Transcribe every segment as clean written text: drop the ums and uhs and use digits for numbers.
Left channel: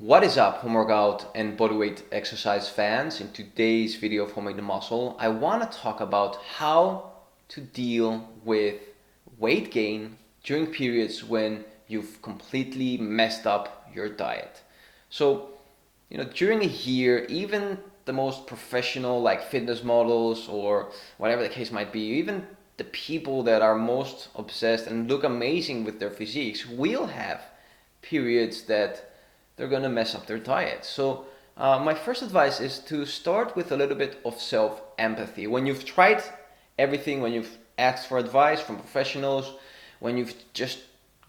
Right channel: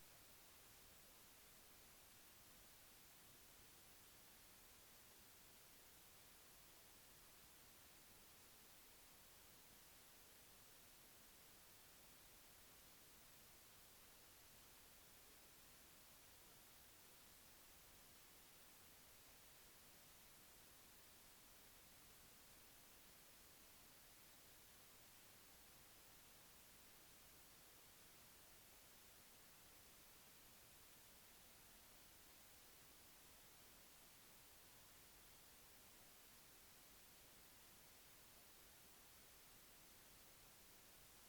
What is up, home workout and bodyweight exercise fans? In today's video of Homemade the Muscle, I want to talk about how to deal with weight gain during periods when you've completely messed up your diet. So, during a year, even the most professional, like fitness models or whatever the case might be, even the people that are most obsessed and look amazing with their physiques will have periods that they're gonna mess up their diet. So my first advice is to start with a little bit of self-empathy. When you've tried everything, when you've asked for advice from professionals, when you've just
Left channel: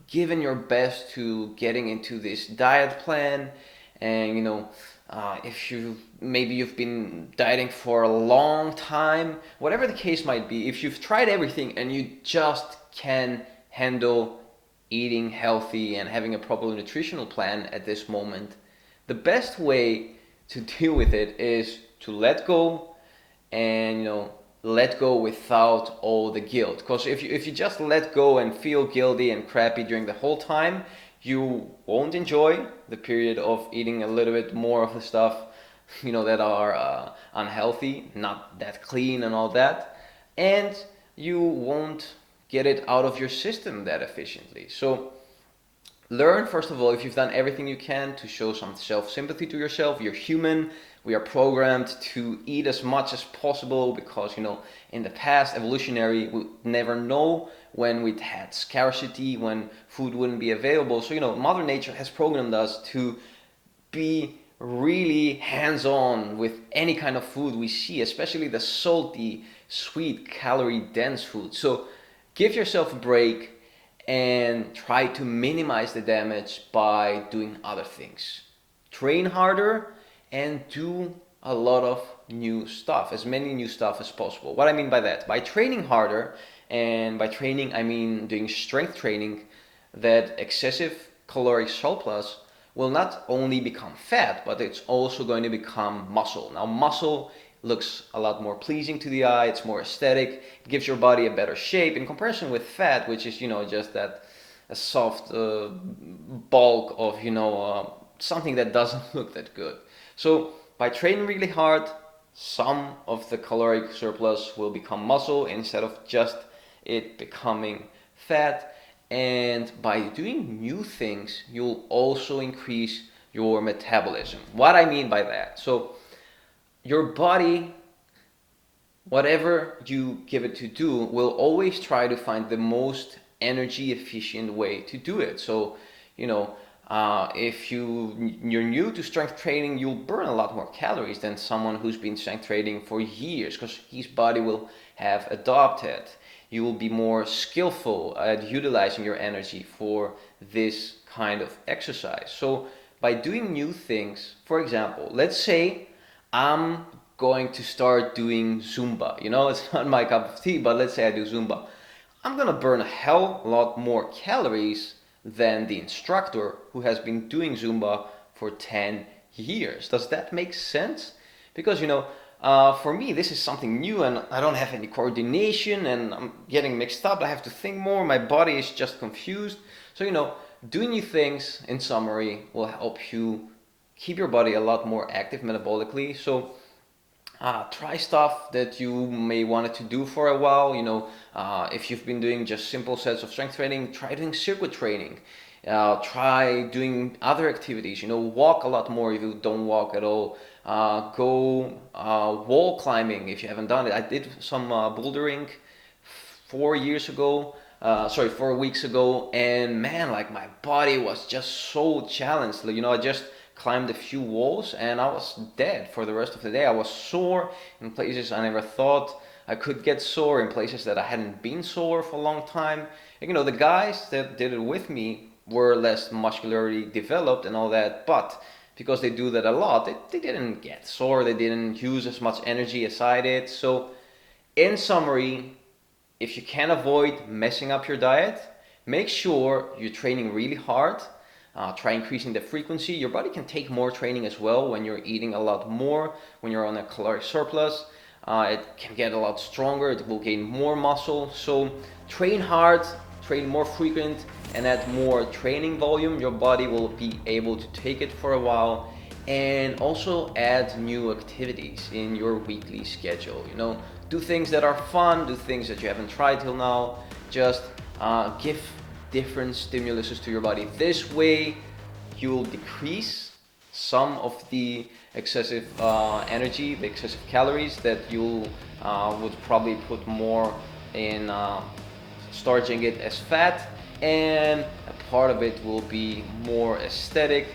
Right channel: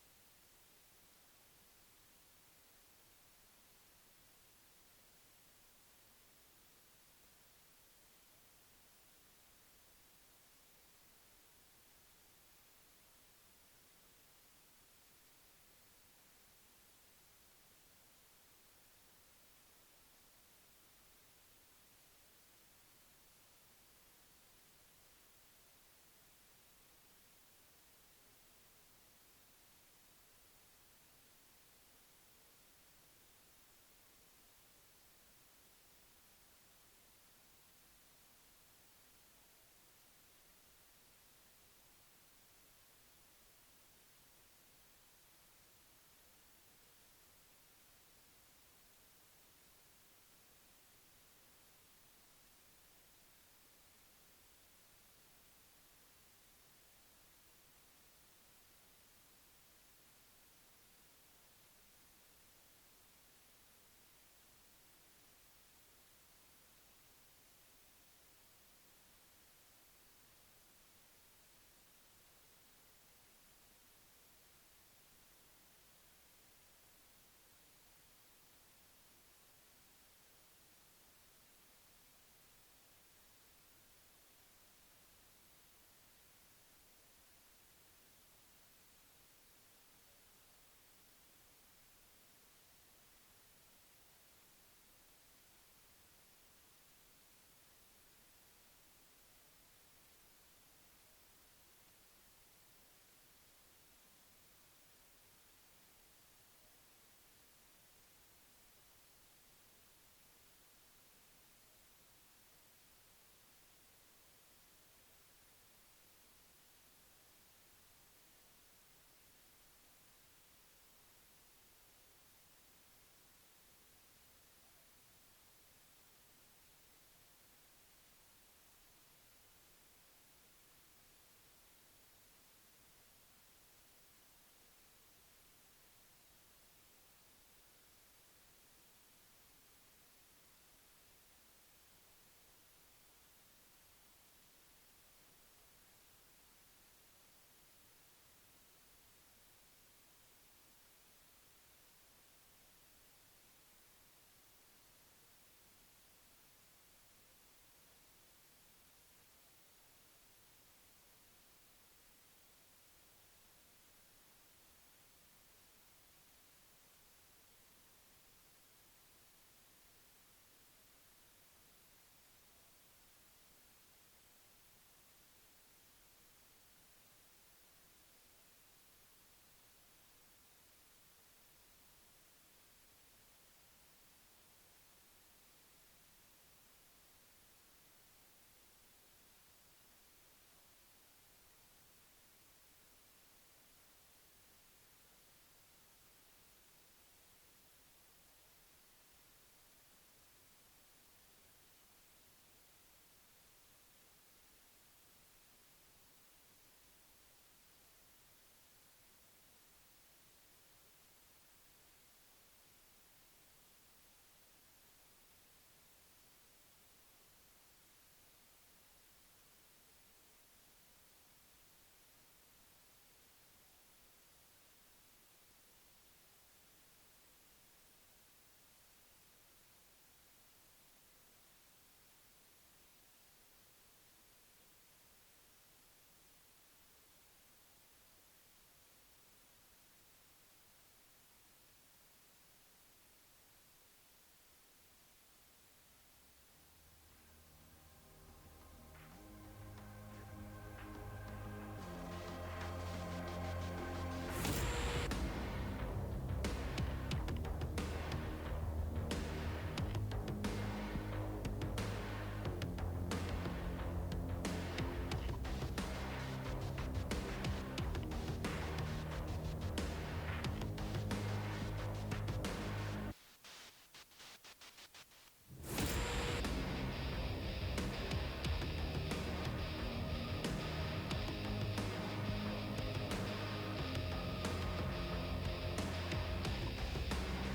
given your best to getting into this diet plan, and if you've been dieting for a long time, whatever the case might be, if you've tried everything and you just can handle eating healthy and having a proper nutritional plan at this moment, the best way to deal with it is to let go and let go without all the guilt. Because if you just let go and feel guilty and crappy during the whole time, you won't enjoy the period of eating a little bit more of the stuff that are unhealthy, not that clean and all that, and you won't get it out of your system that efficiently. So learn, first of all, if you've done everything you can to show some self-sympathy to yourself. You're human. We are programmed to eat as much as possible because in the past, evolutionary, we never know when we'd had scarcity, when food wouldn't be available. So Mother Nature has programmed us to be really hands-on with any kind of food we see, especially the salty, sweet, calorie-dense food. So give yourself a break and try to minimize the damage by doing other things. Train harder and do a lot of new stuff, as many new stuff as possible. What I mean by that, by training harder, and by training I mean doing strength training, that excessive caloric surplus will not only become fat, but it's also going to become muscle. Now, muscle looks a lot more pleasing to the eye, it's more aesthetic, it gives your body a better shape in comparison with fat, which is, just that a soft bulk of, something that doesn't look that good. So by training really hard, some of the caloric surplus will become muscle instead of just it becoming fat. And by doing new things, you'll also increase your metabolism. What I mean by that, so your body, whatever you give it to do, will always try to find the most energy efficient way to do it. So if you're new to strength training, you'll burn a lot more calories than someone who's been strength training for years, because his body will have adopted. You will be more skillful at utilizing your energy for this kind of exercise. So by doing new things, for example, let's say I'm going to start doing Zumba. It's not my cup of tea, but let's say I do Zumba. I'm gonna burn a hell lot more calories than the instructor who has been doing Zumba for 10 years. Does that make sense? Because for me, this is something new and I don't have any coordination and I'm getting mixed up. I have to think more. My body is just confused. So, doing new things, in summary, will help you keep your body a lot more active metabolically. So, try stuff that you may wanted to do for a while. If you've been doing just simple sets of strength training, try doing circuit training. Try doing other activities. Walk a lot more if you don't walk at all. Go wall climbing if you haven't done it. I did some bouldering 4 weeks ago, and man, like my body was just so challenged. I just climbed a few walls and I was dead for the rest of the day. I was sore in places I never thought I could get sore, in places that I hadn't been sore for a long time. And, the guys that did it with me were less muscularly developed and all that, but because they do that a lot, they didn't get sore, they didn't use as much energy as I did. So in summary, if you can avoid messing up your diet, make sure you're training really hard. Try increasing the frequency. Your body can take more training as well when you're eating a lot more, when you're on a caloric surplus. It can get a lot stronger, it will gain more muscle. So train hard, train more frequent and add more training volume, your body will be able to take it for a while. And also add new activities in your weekly schedule. You know, do things that are fun, do things that you haven't tried till now. Just give different stimuluses to your body. This way, you'll decrease some of the excessive energy, the excessive calories that you would probably put more in starching it as fat, and a part of it will be more aesthetic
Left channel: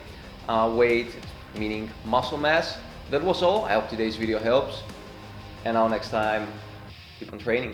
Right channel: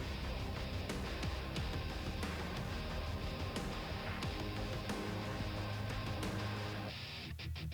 weight, meaning muscle mass. That was all. I hope today's video helps, and now next time, keep on training.